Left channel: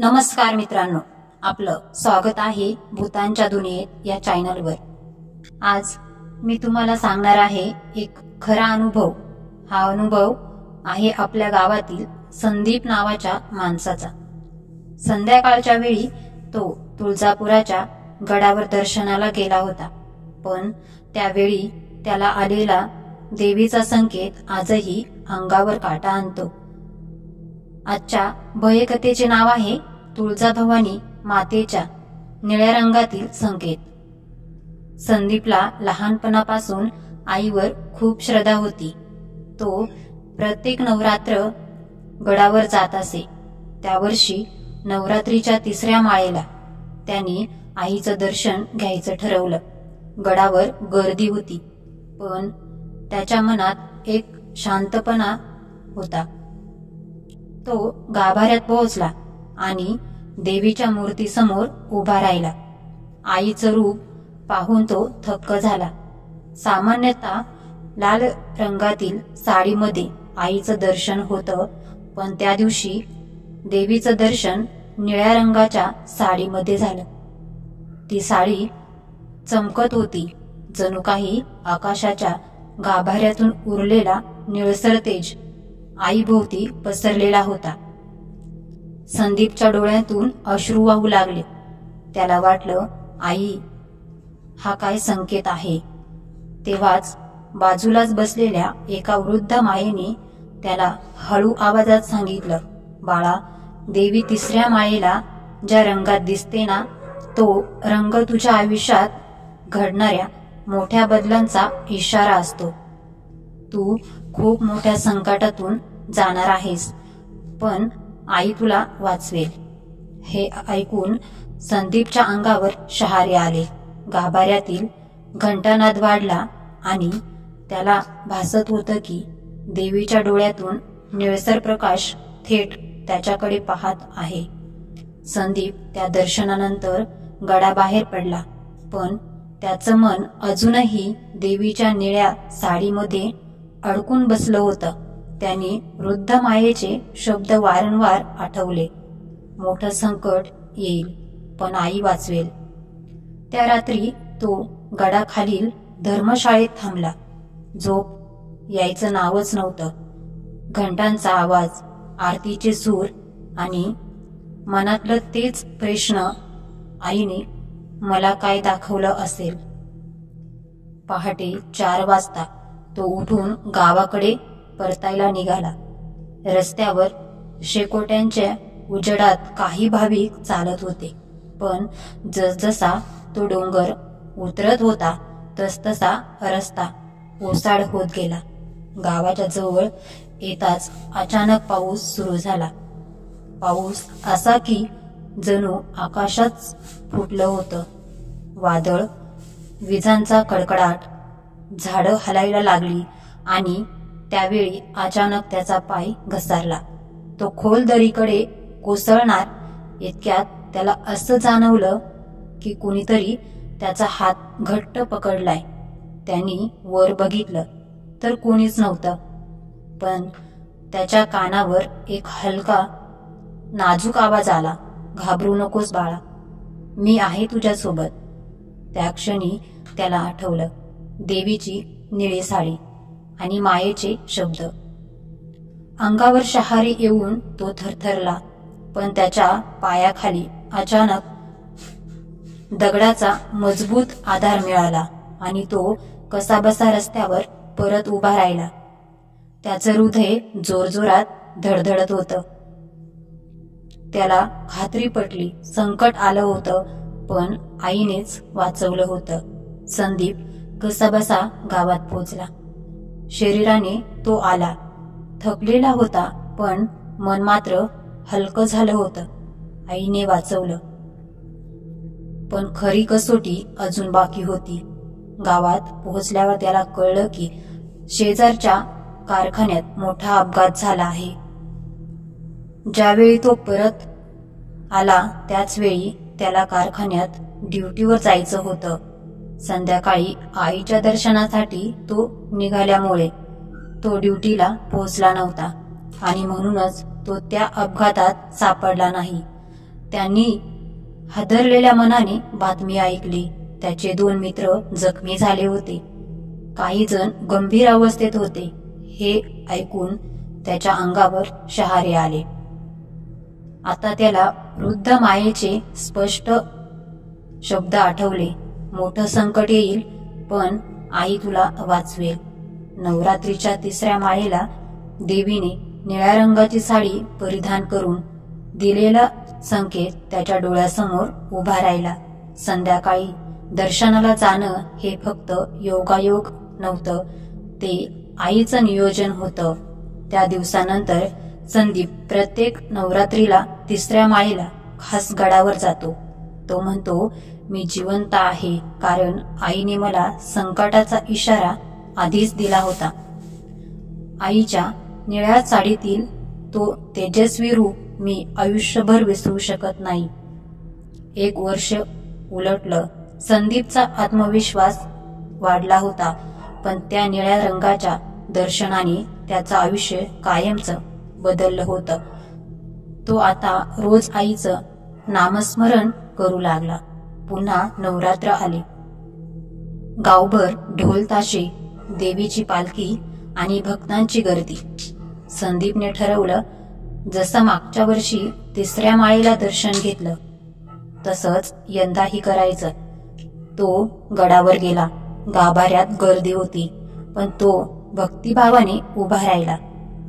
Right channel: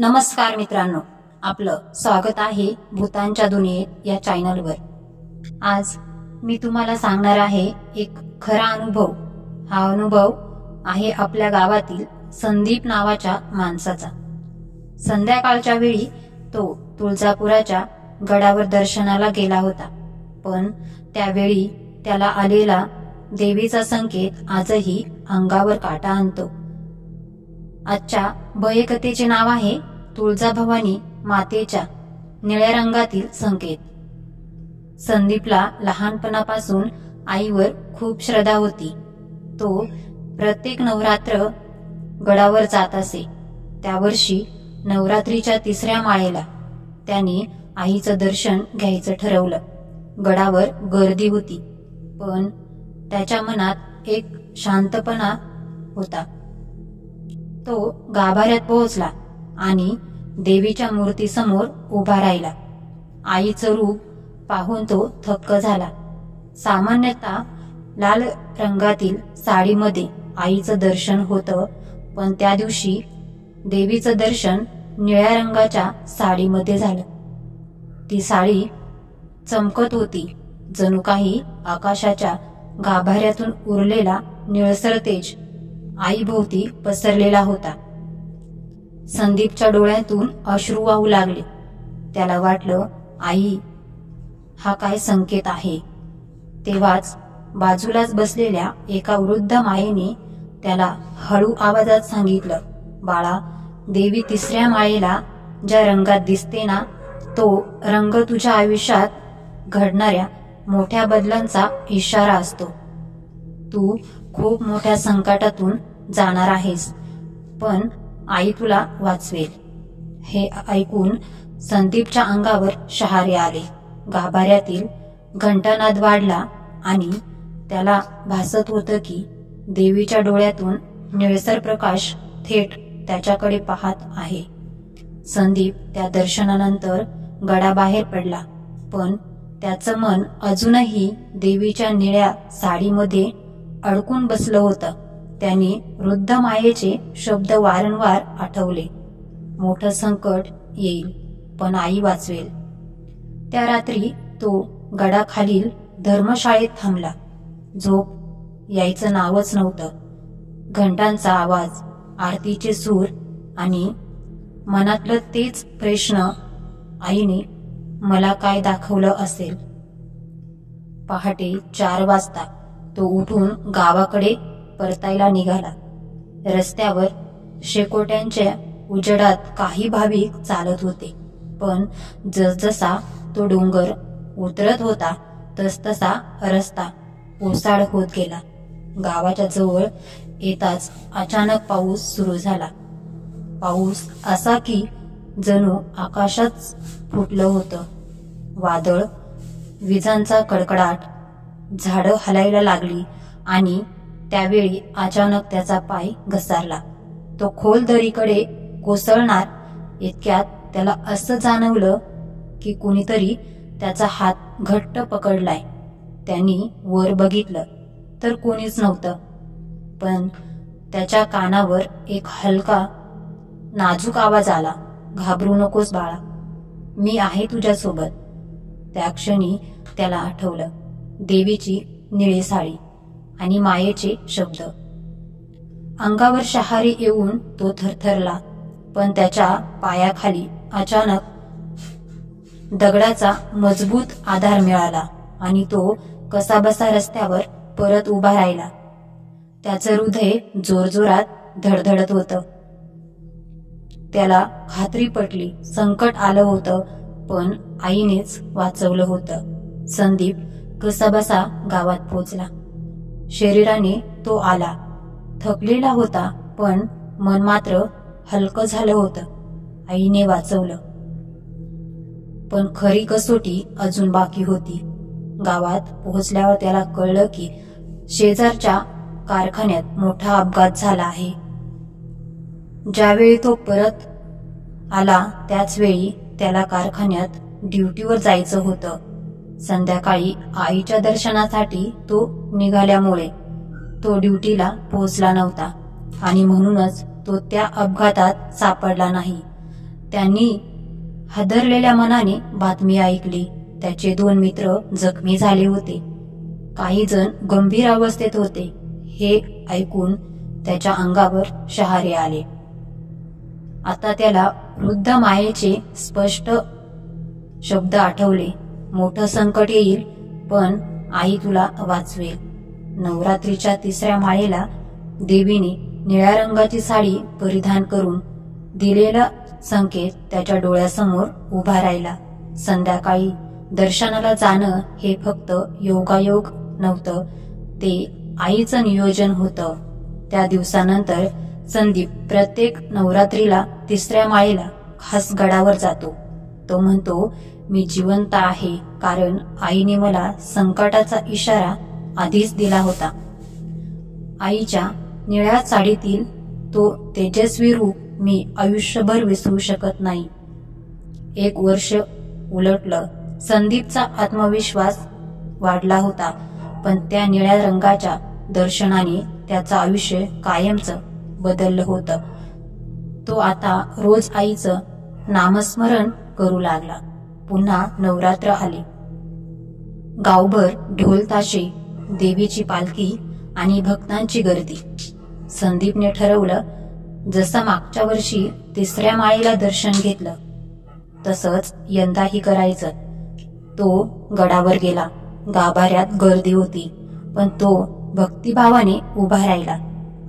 नमस्कार मित्रांनो, आपलं स्वागत आहे भूतांच्या दुनियेत या चॅनलवर। आज मी तुम्हाला सांगणार आहे एक खरा अनुभव। हा अनुभव आहे आपल्या गावातील संदीप नावाच्या माणसाचा। संध्याकाळच्या वेळी तो तुळजापुराच्या गडावर दर्शनाला गेला होता, पण त्यावेळी त्याला आलेला देवीचा संकेत आजही अंगावर काटा आणतो। आजच्या भयकथेचे नाव आहे तुळजाभवानी मातेच्या निळ्या रंगातील संकेत। संदीपला लहानपणापासून आईवर खूप श्रद्धा होती। तो प्रत्येक नवरात्र गडावर जात असे। त्या वर्षी नवरात्रीच्या 3ऱ्या माळेला त्यांनी आईचं दर्शन घ्यायचं ठरवलं। गडावर गर्दी होती, पण त्याच्या मनात एक शांतपणा होता। तो गाभाऱ्यात पोहोचला आणि देवीच्या मूर्तीसमोर उभा राहिला। आईचं रूप पाहून तो थक्क झाला। सामान्यतः लाल रंगातील साडीमध्ये आईचं दर्शन होतं, पण त्या दिवशी देवीचं दर्शन निळ्या रंगाच्या साडीमध्ये झालं। ती साडी चमकत होती, जणू काही आकाशाच्या गाभाऱ्यातून उरलेला निळसर तेज आईभोवती पसरलेला होता। संदीपच्या डोळ्यातून अश्रू वाहू लागले। त्याला वाटलं, आई, हा काय संकेत आहे। तेव्हाच बाजूलाच बसलेल्या एका वृद्ध मायेने त्याला हळू आवाजात सांगितलं, बाळा, देवी 3ऱ्या माळेला ज्या रंगात दिसते ना, तो रंग तुझ्या आयुष्यात घडणाऱ्या मोठ्या बदलांचा इशारा असतो। तू खूप मोठ्या संकटातून जाणार आहेस, पण आई तुला वाचवेल। हे ऐकून संदीपच्या अंगावर शहारे आले। गाभाऱ्यातील घंटानाद वाढला आणि त्याला भासत होतं की देवीच्या डोळ्यातून निळसर प्रकाश थेट त्याच्याकडे पाहत आहे। संदीप त्या दर्शनानंतर गडाबाहेर पडला, पण त्याचं मन अजूनही देवीच्या निळ्या साडीमध्ये अडकून बसलं होतं। त्याने वृद्ध मायेचे शब्द वारंवार आठवले, मोठं संकट येईल, पण आई वाचवेल। त्या रात्री तो गडाखालील धर्मशाळेत थांबला। झोप यायचं नावच नव्हतं। घंटांचा आवाज, आरतीचे सूर आणि मनातलं तेच प्रश्न, आईने मला काय दाखवलं असेल। पहाटे 4 वाजता तो उठून गावाकडे परतायला निघाला। रस्त्यावर शेकोट्यांच्या उजेडात काही भाविक चालत होते, पण जसजसा तो डोंगर उतरत होता तसतसा रस्ता ओसाड होत गेला। गावाच्या जवळ येताच अचानक पाऊस सुरू झाला। पाऊस असा की जणू आकाशच फुटलं होतं। वादळ, विजांचा कडकडाट, झाडं हलायला लागली आणि त्यावेळी अचानक त्याचा पाय घसरला। तो खोल दरीकडे कोसळणार इतक्यात त्याला असं जाणवलं की कुणीतरी त्याचा हात घट्ट पकडलाय। त्यांनी वर बघितलं तर कोणीच नव्हतं, पण त्याच्या कानावर एक हलका नाजूक आवाज आला, घाबरू नकोस बाळा, मी आहे तुझ्यासोबत। त्या क्षणी त्याला आठवलं देवीची निळी साडी आणि मायेचे शब्द। अंगावर शहारे येऊन तो थरथरला, पण त्याच्या पायाखाली अचानक दगडाचा मजबूत आधार मिळाला आणि तो कसाबसा रस्त्यावर परत उभा राहिला। त्याचं हृदय जोरजोरात धडधडत होतं। त्याला खात्री पटली, संकट आलं होतं, पण आईनेच वाचवलं होतं। संदीप कसाबसा गावात पोहोचला। शरीराने तो आला, थकलेला होता, पण मन मात्र हलकं झालं होतं। आईने वाचवलं, पण खरी कसोटी अजून बाकी होती। गावात पोहोचल्यावर त्याला कळलं की शेजारच्या कारखान्यात मोठा अपघात झाला आहे। ज्यावेळी तो परत आला त्याच वेळी त्याला कारखान्यात ड्युटीवर जायचं होतं। संध्याकाळी आईच्या दर्शनासाठी तो निघाल्यामुळे तो ड्युटीला पोहोचला नव्हता आणि म्हणूनच तो त्या अपघातात सापडला नाही। त्यांनी हादरलेल्या मनाने बातमी ऐकली. त्याचे 2 मित्र जखमी झाले होते. काही जण गंभीर अवस्थेत होते. हे ऐकून त्याच्या अंगावर शहारे आले. आता त्याला वृद्ध मायेचे स्पष्ट शब्द आठवले. मोठं संकट येईल, पण आई तुला वाचवेल. नवरात्रीच्या 3ऱ्या माळेला देवीने निळ्या रंगाची साडी परिधान करून दिलेला संकेत त्याच्या डोळ्यासमोर उभा राहिला. संध्याकाळी दर्शनाला जाणं हे फक्त योगायोग नव्हतं, ते आईचं नियोजन होतं. त्या दिवसानंतर संदीप प्रत्येक नवरात्रीला 3ऱ्या माळेला खास गडावर जातो. तो म्हणतो, मी जिवंत आहे कारण आईने मला संकटाचा इशारा आधीच दिला होता. आईच्या निळ्या साडीतील तो तेजस्वी रूप मी आयुष्यभर विसरू शकत नाही. 1 वर्ष उलटलं. संदीपचा आत्मविश्वास वाढला होता, पण त्या निळ्या रंगाच्या दर्शनाने त्याचं आयुष्य कायमचं बदललं होतं. तो आता रोज आईचं नामस्मरण करू लागला. पुन्हा नवरात्र आले. गावभर ढोल ताशे, देवीची पालखी आणि भक्तांची गर्दी. संदीपने ठरवलं, जसं मागच्या वर्षी 3ऱ्या माळेला दर्शन घेतलं तसंच यंदाही करायचं. तो गडावर गेला. गाभाऱ्यात गर्दी होती, पण तो भक्तिभावाने उभा राहिला.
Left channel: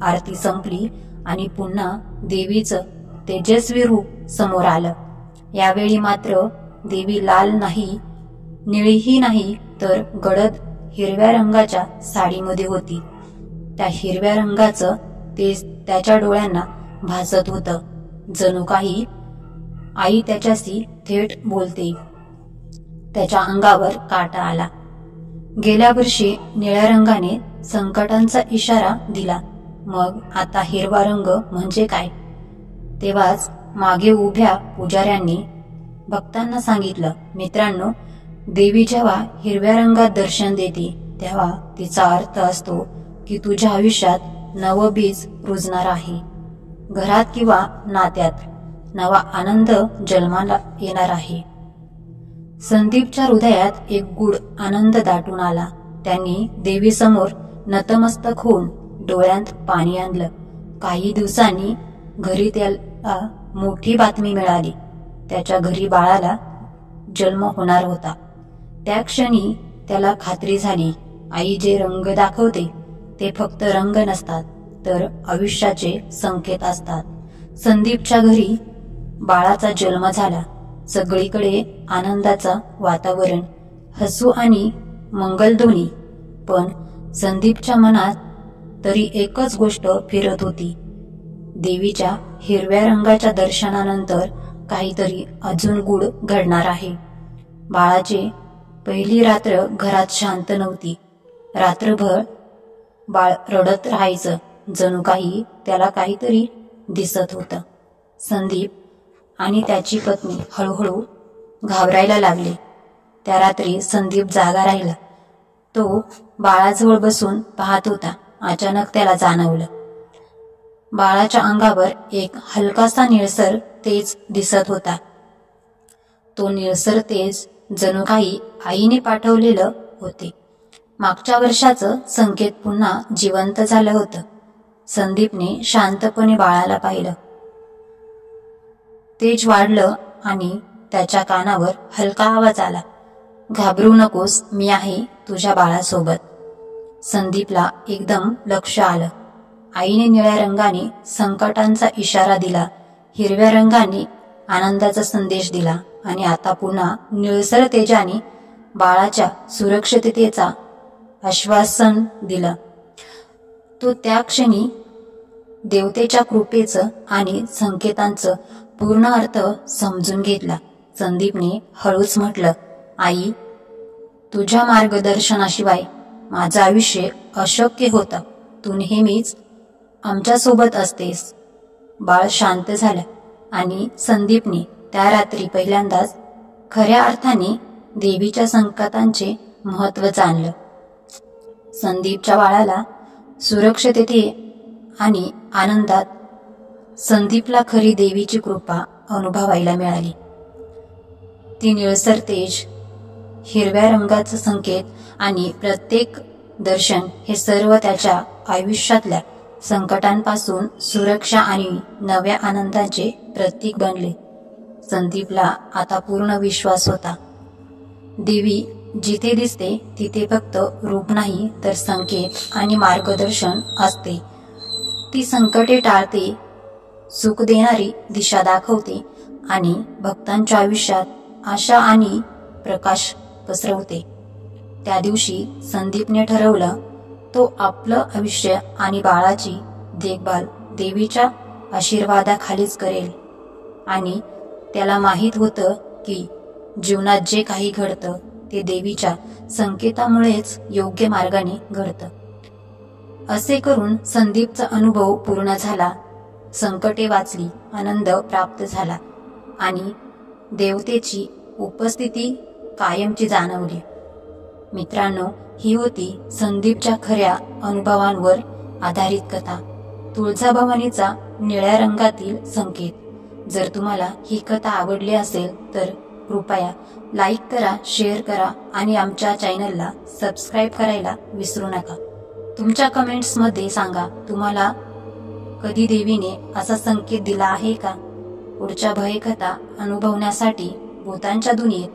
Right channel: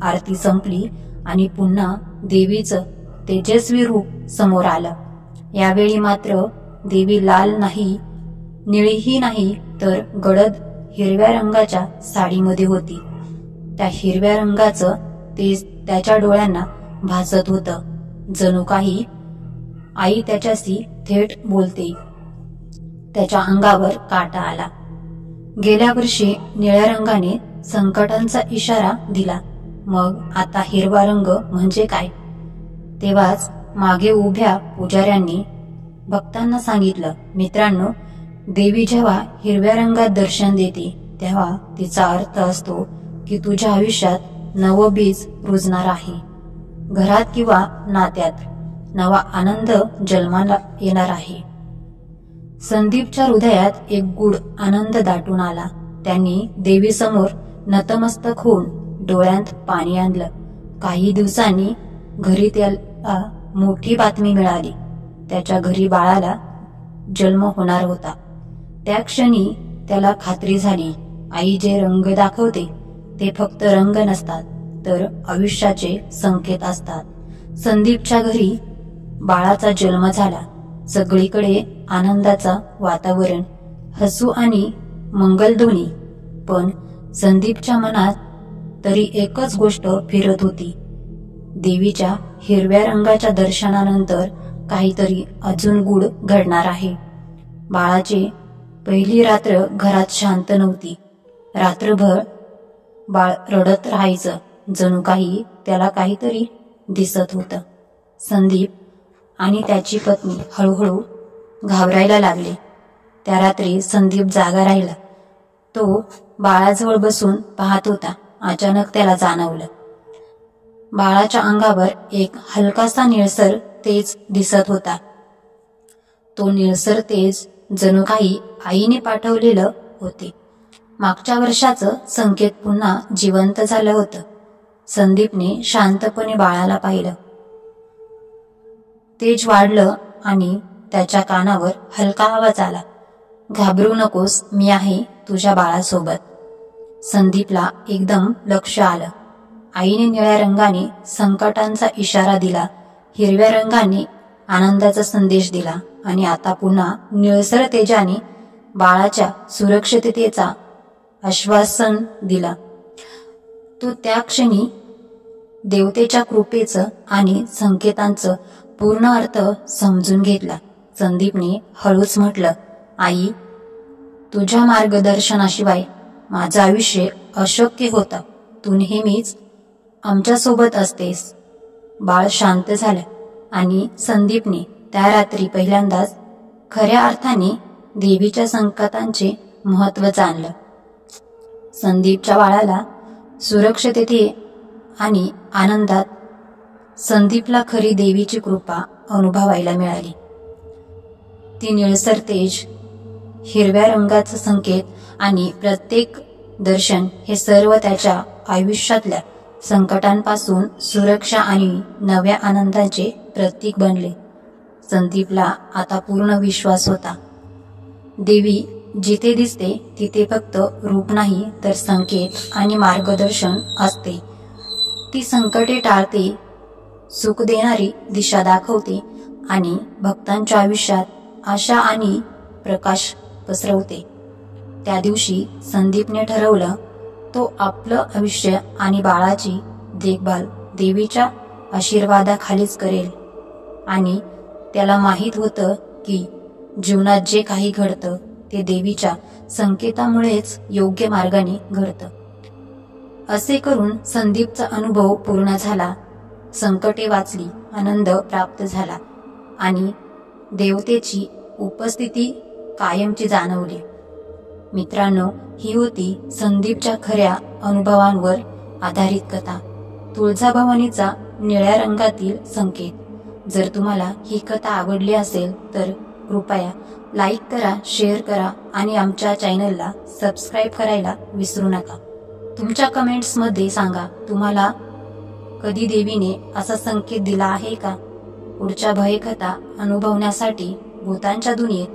आरती संपली आणि पुन्हा देवीचं तेजस्वी रूप समोर आलं. यावेळी मात्र देवी लाल नाही, निळीही नाही, तर गडद हिरव्या रंगाच्या साडीमध्ये होती. त्या हिरव्या रंगाचं तेज त्याच्या डोळ्यांना भासत होतं. जणू काही आई त्याच्याशी थेट बोलते. त्याच्या अंगावर काटा आला. गेल्या वर्षी निळ्या रंगाने संकटांचा इशारा दिला, मग आता हिरवा रंग म्हणजे काय? तेव्हाच मागे उभ्या पुजाऱ्यांनी भक्तांना सांगितलं, मित्रांनो, देवी जेव्हा हिरव्या रंगात दर्शन देते तेव्हा तिचा अर्थ असतो की तुझ्या आयुष्यात नवं बीज रुजणार आहे. घरात किंवा नात्यात नवा आनंद जन्माला येणार आहे. संदीपच्या हृदयात एक गूढ आनंद दाटून आला. त्यांनी देवीसमोर नतमस्तक होऊन डोळ्यात पाणी आणलं. काही दिवसांनी घरी त्याला मोठी बातमी मिळाली. त्याच्या घरी बाळाला जन्म होणार होता. त्या क्षणी त्याला खात्री झाली, आई जे रंग दाखवते ते फक्त रंग नसतात, तर आयुष्याचे संकेत असतात. संदीपच्या घरी बाळाचा जन्म झाला. सगळीकडे आनंदाचं वातावरण, हसू आणि मंगलध्वनी. पण संदीपच्या मनात तरी एकच गोष्ट फिरत होती. देवीच्या हिरव्या रंगाच्या दर्शनानंतर काहीतरी अजून गूढ घडणार आहे. बाळाची पहिली रात्र घरात शांत नव्हती. रात्रभर बाळ रडत राहायचं. जणू काही त्याला काहीतरी दिसत होतं. संदीप आणि त्याची पत्नी हळूहळू घाबरायला लागले. त्या रात्री संदीप जागा राहिला. तो बाळाजवळ बसून पाहत होता. अचानक त्याला जाणवलं, बाळाच्या अंगावर एक हलकासा निळसर तेज दिसत होता. तो निळसर तेज जणू काही आईने पाठवलेलं होते. मागच्या वर्षाचं संकेत पुन्हा जिवंत झालं होतं. संदीपने शांतपणे बाळाला पाहिलं. तेज वाढलं आणि त्याच्या कानावर हलका आवाज आला, घाबरू नकोस, मी आहे तुझ्या बाळासोबत. संदीपला एकदम लक्ष आलं. आईने निळ्या रंगाने संकटांचा इशारा दिला, हिरव्या रंगाने आनंदाचा संदेश दिला आणि आता पुन्हा निळसर तेजाने बाळाच्या सुरक्षिततेचा आश्वासन दिलं. तो त्या क्षणी देवतेच्या कृपेचं आणि संकेतांचं पूर्ण अर्थ समजून घेतला. संदीपने हळूच म्हटलं, आई, तुझ्या मार्गदर्शनाशिवाय माझं आयुष्य अशक्य होतं. तू नेहमीच आमच्यासोबत असतेस. बाळ शांत झालं आणि संदीपने त्या रात्री पहिल्यांदाच खऱ्या अर्थाने देवीच्या संकेतांचे महत्त्व जाणलं. संदीपच्या बाळाला सुरक्षितते आणि आनंदात संदीपला खरी देवीची कृपा अनुभवायला मिळाली. ती निळसर तेज, हिरव्या रंगाचा संकेत आणि प्रत्येक दर्शन हे सर्व त्याच्या आयुष्यातल्या संकटांपासून सुरक्षा आणि नव्या आनंदाचे प्रतीक बनले. संदीपला आता पूर्ण विश्वास होता. देवी जिथे दिसते तिथे फक्त रूप नाही तर संकेत आणि मार्गदर्शन असते. ती संकटे टाळते, सुख देणारी दिशा दाखवते आणि भक्तांच्या आयुष्यात आशा आणि प्रकाश पसरवते. त्या दिवशी संदीपने ठरवलं, तो आपलं आयुष्य आणि बाळाची देखभाल देवीच्या आशीर्वादाखालीच करेल. आणि त्याला माहीत होतं की जीवनात जे काही घडतं ते देवीच्या संकेतामुळेच योग्य मार्गाने घडतं. असे करून संदीपचा अनुभव पूर्ण झाला. संकटे वाचली, आनंद प्राप्त झाला आणि देवतेची उपस्थिती कायमची जाणवली. मित्रांनो, ही होती संदीपच्या खऱ्या अनुभवांवर आधारित कथा, तुळजाभवानीचा निळ्या रंगातील संकेत. जर तुम्हाला ही कथा आवडली असेल तर कृपया लाईक करा, शेअर करा आणि आमच्या चॅनलला सबस्क्राईब करायला विसरू नका. तुमच्या कमेंट्समध्ये सांगा, तुम्हाला कधी देवीने असा संकेत दिला आहे का? पुढच्या भयकथा अनुभवण्यासाठी भूतांच्या दुनियेत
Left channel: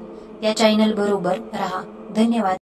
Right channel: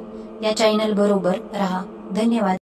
या चॅनल बरोबर रहा. धन्यवाद.